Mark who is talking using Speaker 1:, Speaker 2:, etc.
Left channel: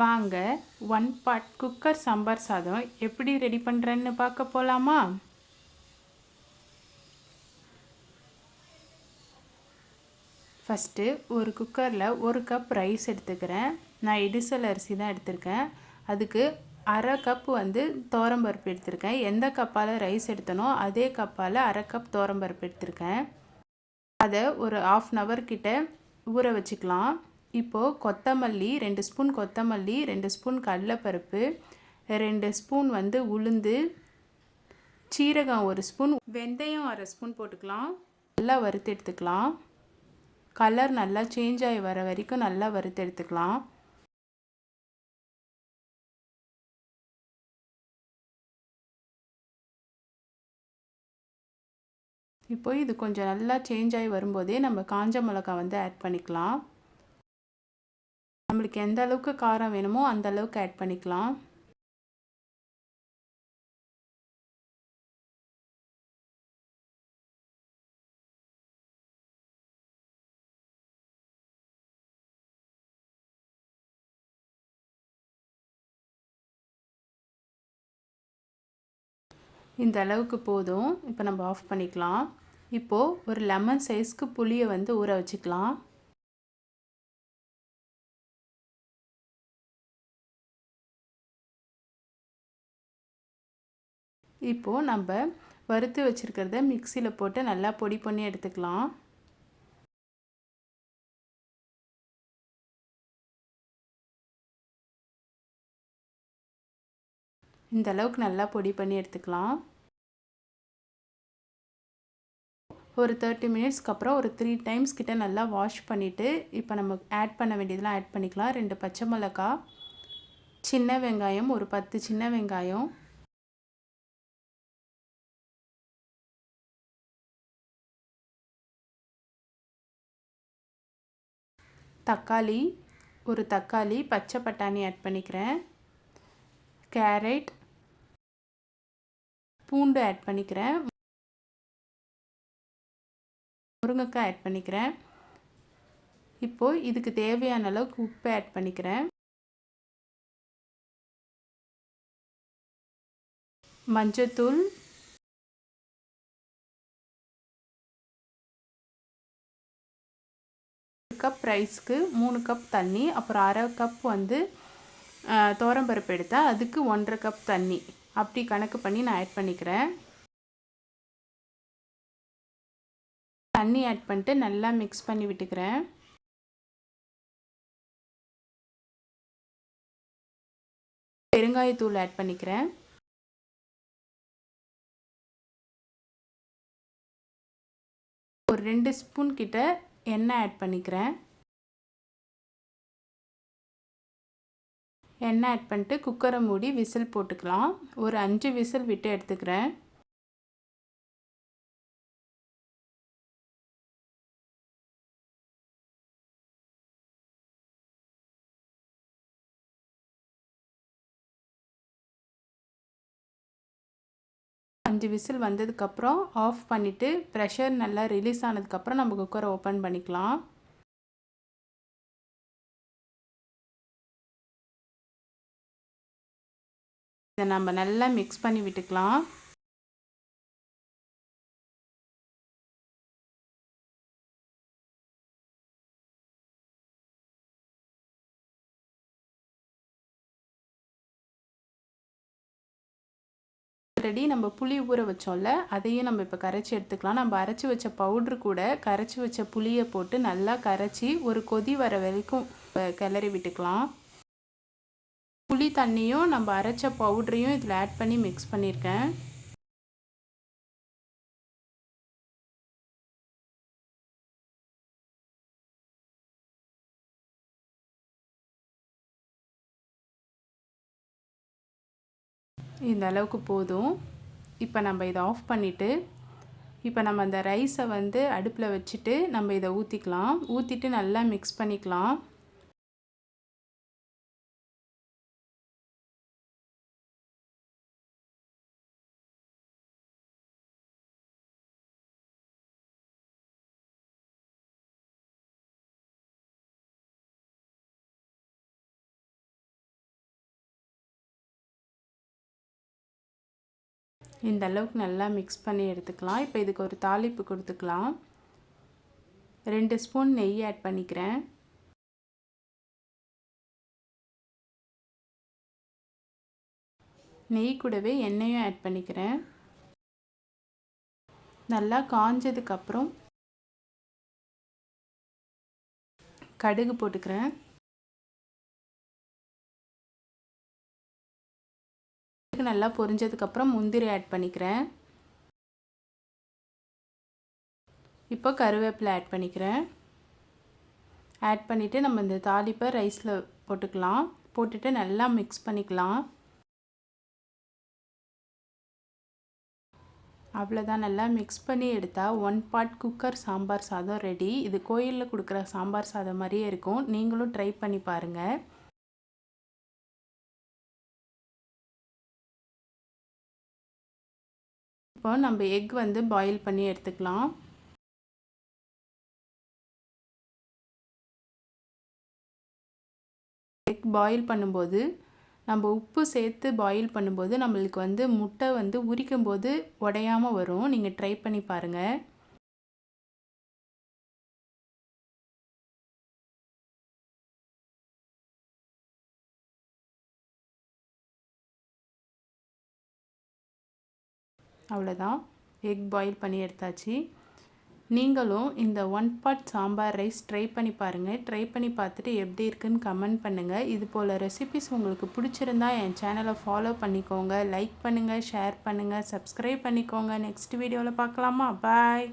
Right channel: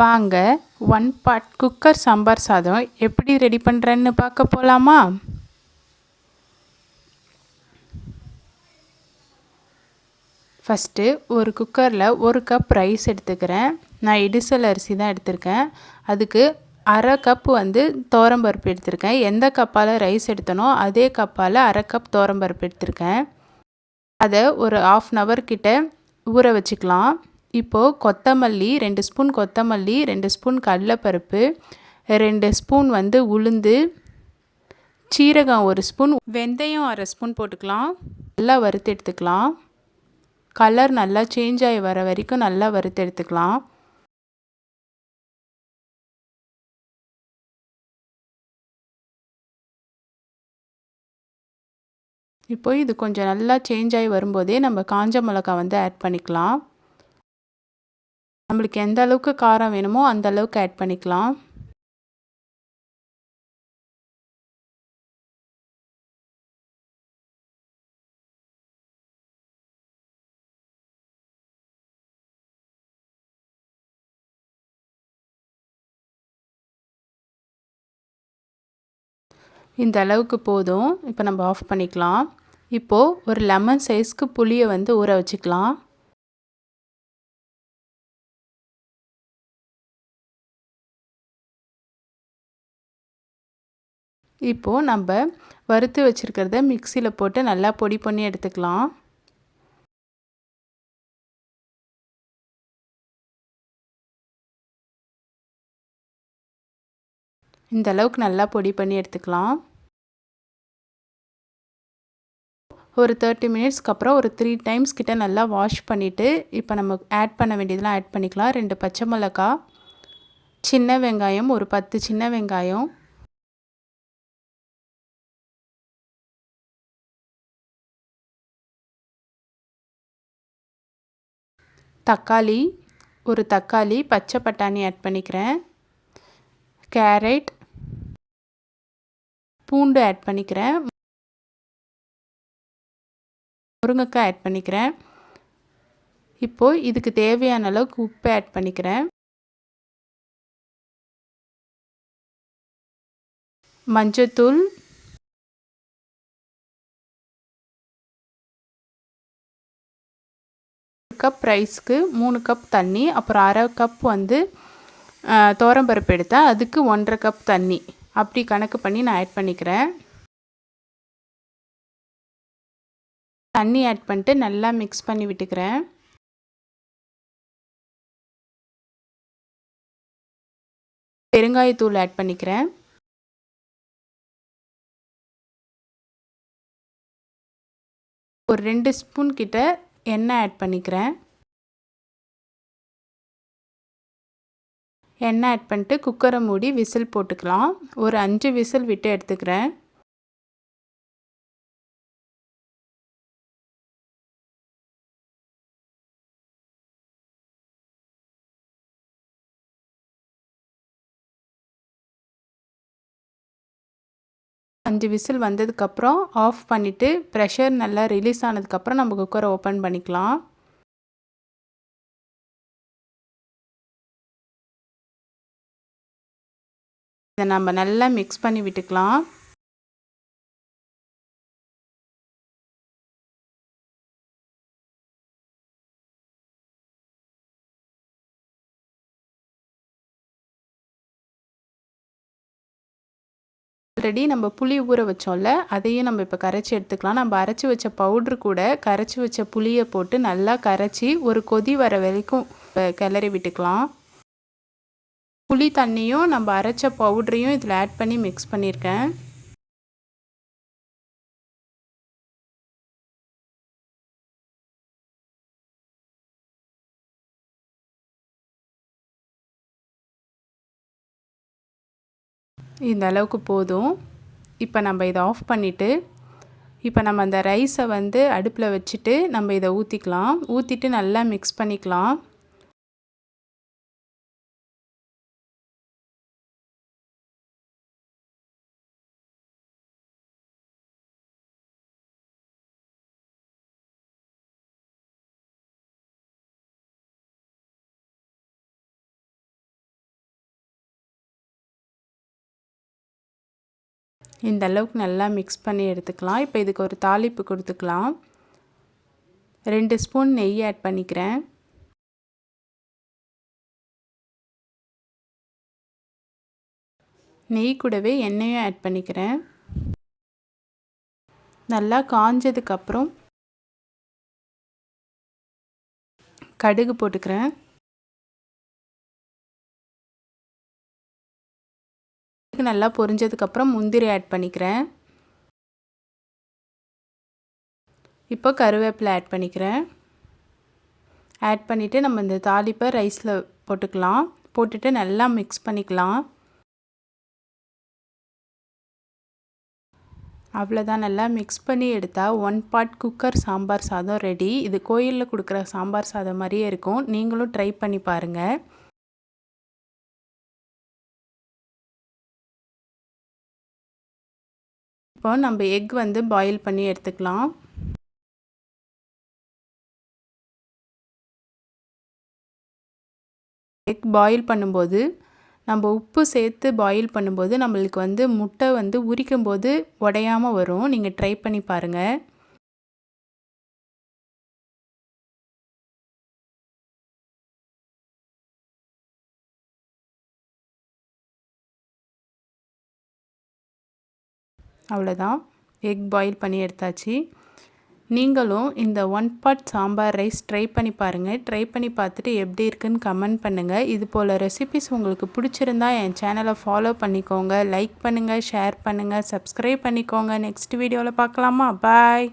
Speaker 1: வாங்க one pot cooker sambar சாதம் எப்படி ரெடி பண்ணுறேன்னு பார்க்க போகலாமா ஃபஸ்ட்டு ஒரு குக்கரில் ஒரு கப் ரைஸ் எடுத்துக்கிறேன். நான் இடிசல் அரிசி தான் எடுத்திருக்கேன். அதுக்கு அரை கப் வந்து தோரம்பருப்பு எடுத்திருக்கேன். எந்த கப்பால் ரைஸ் எடுத்தனோ அதே கப்பால் அரை கப் தோரம்பருப்பு எடுத்திருக்கேன். அதை ஒரு ஆஃப் அன் ஹவர் கிட்ட ஊற வச்சுக்கலாம். இப்போது கொத்தமல்லி ரெண்டு ஸ்பூன் கொத்தமல்லி ரெண்டு ஸ்பூன் கடலைப்பருப்பு ரெண்டு ஸ்பூன் வந்து உளுந்து சீரகம் ஒரு ஸ்பூன் வெந்தயம் அரை ஸ்பூன் போட்டுக்கலாம். நல்லா வறுத்து எடுத்துக்கலாம். கலர் நல்லா சேஞ்ச் ஆகி வர வரைக்கும் நல்லா வறுத்து எடுத்துக்கலாம். இப்போ இது கொஞ்சம் நல்லா சேஞ்ச் ஆகி வரும்போதே நம்ம காஞ்ச மிளகா வந்து ஆட் பண்ணிக்கலாம். நம்மளுக்கு எந்த அளவுக்கு காரம் வேணுமோ அந்த அளவுக்கு ஆட் பண்ணிக்கலாம். இந்த அளவுக்கு போதும். இப்போ நம்ம ஆஃப் பண்ணிக்கலாம். இப்போது ஒரு லெமன் சைஸ்க்கு புளியை வந்து ஊற வச்சுக்கலாம். இப்போது நம்ம வறுத்து வச்சுருக்கிறத மிக்சியில் போட்டு நல்லா பொடி பண்ணி எடுத்துக்கலாம். இந்த அளவுக்கு நல்லா பொடி பண்ணி எடுத்துக்கலாம். ஒரு தேர்ட்டி மினிட்ஸ்க்கு அப்புறம் ஒரு த்ரீ டைம்ஸ் கிட்ட நல்லா வாஷ் பண்ணிவிட்டு இப்போ நம்ம ஆட் பண்ண வேண்டியதெல்லாம் ஆட் பண்ணிக்கலாம். ரெண்டு பச்சை மிளகா சின்ன வெங்காயம் ஒரு பத்து சின்ன வெங்காயம். தக்காளி ஒரு தக்காளி பச்சை பட்டாணி ஆட் பண்ணிக்கிறேன். கேரட் பூண்டு ஆட் பண்ணிக்கிறேன். முருங்கைக்காய் ஆட் பண்ணிக்கிறேன். இப்போது இதுக்கு தேவையான அளவுக்கு உப்பு ஆட் பண்ணிக்கிறேன். மஞ்சத்தூள் கப் ரைஸ்க்கு மூணு கப் தண்ணி அப்புறம் அரை கப் வந்து தோரம்பருப்பு எடுத்தேன். அதுக்கு ஒன்றரை கப் தண்ணி. அப்படி கணக்கு பண்ணி நான் ஆட் பண்ணிக்கிறேன். தண்ணி ஆட் பண்ணிட்டு நல்லா மிக்ஸ் பண்ணி விட்டுக்கிறேன். பெருங்காயத்தூள் ஆட் பண்ணிக்கிறேன். ஒரு ரெண்டு ஸ்பூன் கிட்ட எண்ணெய் ஆட் பண்ணிக்கிறேன்? எண்ணெய் ஆட் பண்ணிட்டு குக்கரை மூடி விசில் போட்டுக்கலாம். ஒரு அஞ்சு விசில் விட்டு எடுத்துக்கிறேன். அஞ்சு விசில் வந்ததுக்கப்புறம் ஆஃப் பண்ணிவிட்டு ப்ரெஷர் நல்லா ரிலீஸ் ஆனதுக்கப்புறம் நம்ம குக்கரை ஓப்பன் பண்ணிக்கலாம். இதை நம்ம நல்லா மிக்ஸ் பண்ணி விட்டுக்கலாம். ஆல்ரெடி நம்ம புளி ஊற வச்சோம்ல அதையும் நம்ம இப்போ கரைச்சி எடுத்துக்கலாம். நம்ம அரைச்சி வச்ச பவுட்ரு கூட கரைச்சி வச்ச புளியை போட்டு நல்லா கரைச்சி ஒரு கொதி வர வரைக்கும் கிளறி விட்டுக்கலாம். புளி தண்ணியும் நம்ம அரைச்ச பவுட்ரையும் இதில் ஆட் பண்ணி மிக்ஸ் பண்ணியிருக்கேன் இந்த அளவுக்கு போதும். இப்போ நம்ம இதை ஆஃப் பண்ணிவிட்டு இப்போ நம்ம அந்த ரைஸை வந்து அடுப்பில் வச்சுட்டு நம்ம இதை ஊற்றிக்கலாம் ஊற்றிட்டு நல்லா மிக்ஸ் பண்ணிக்கலாம். இந்த அளவுக்கு நல்லா மிக்ஸ் பண்ணி எடுத்துக்கலாம். இப்போ இதுக்கு ஒரு தாளிப்பு கொடுத்துக்கலாம். ரெண்டு ஸ்பூன் நெய் ஆட் பண்ணிக்கிறேன். நெய் கூடவே எண்ணெயும் ஆட் பண்ணிக்கிறேன். நல்லா காஞ்சதுக்கப்புறம் கடுகு போட்டுக்கிறேன். நல்லா பொரிஞ்சதுக்கப்புறம் முந்திரி ஆட் பண்ணிக்கிறேன். இப்போ கருவேப்பிலை ஆட் பண்ணிக்கிறேன். ஆட் பண்ணிவிட்டு நம்ம இந்த தாளிப்பை ரைஸில் போட்டுக்கலாம். போட்டுட்டு நல்லா மிக்ஸ் பண்ணிக்கலாம். அவ்வளோதான் நல்லா மிக்ஸ் பண்ணி எடுத்தால் ஒன் பாட் குக்கர் சாம்பார் சாதம் ரெடி இது கோயிலில் கொடுக்குற சாம்பார் சாதம் மாதிரியே இருக்கும். நீங்களும் ட்ரை பண்ணி பாருங்கள் இப்போ நம்ம எக் வந்து பாயில் பண்ணி எடுத்துக்கலாம். எக் பாயில் பண்ணும்போது நம்ம உப்பு சேர்த்து பாயில் பண்ணும்போது நம்மளுக்கு வந்து முட்டை வந்து உரிக்கும் போது உடையாமல் வரும். நீங்கள் ட்ரை பண்ணி பாருங்கள் அவ்வளோதான் எக் பாயில் பண்ணி எடுத்தாச்சு. நீங்களும் இந்த one pot sambar rice try பண்ணி பாருங்கள் ட்ரை பண்ணி பார்த்துட்டு எப்படி இருக்குன்னு கமெண்ட் பண்ணுங்கள் இது போல் ரெசிபிஸ் உங்களுக்கு பிடிச்சிருந்தா என் சேனலை ஃபாலோ பண்ணிக்கோங்க. லைக் பண்ணுங்கள் ஷேர் பண்ணுங்கள் சப்ஸ்கிரைப் பண்ணிக்கோங்க. நெக்ஸ்ட் வீடியோவில் பார்க்கலாமா? பாய்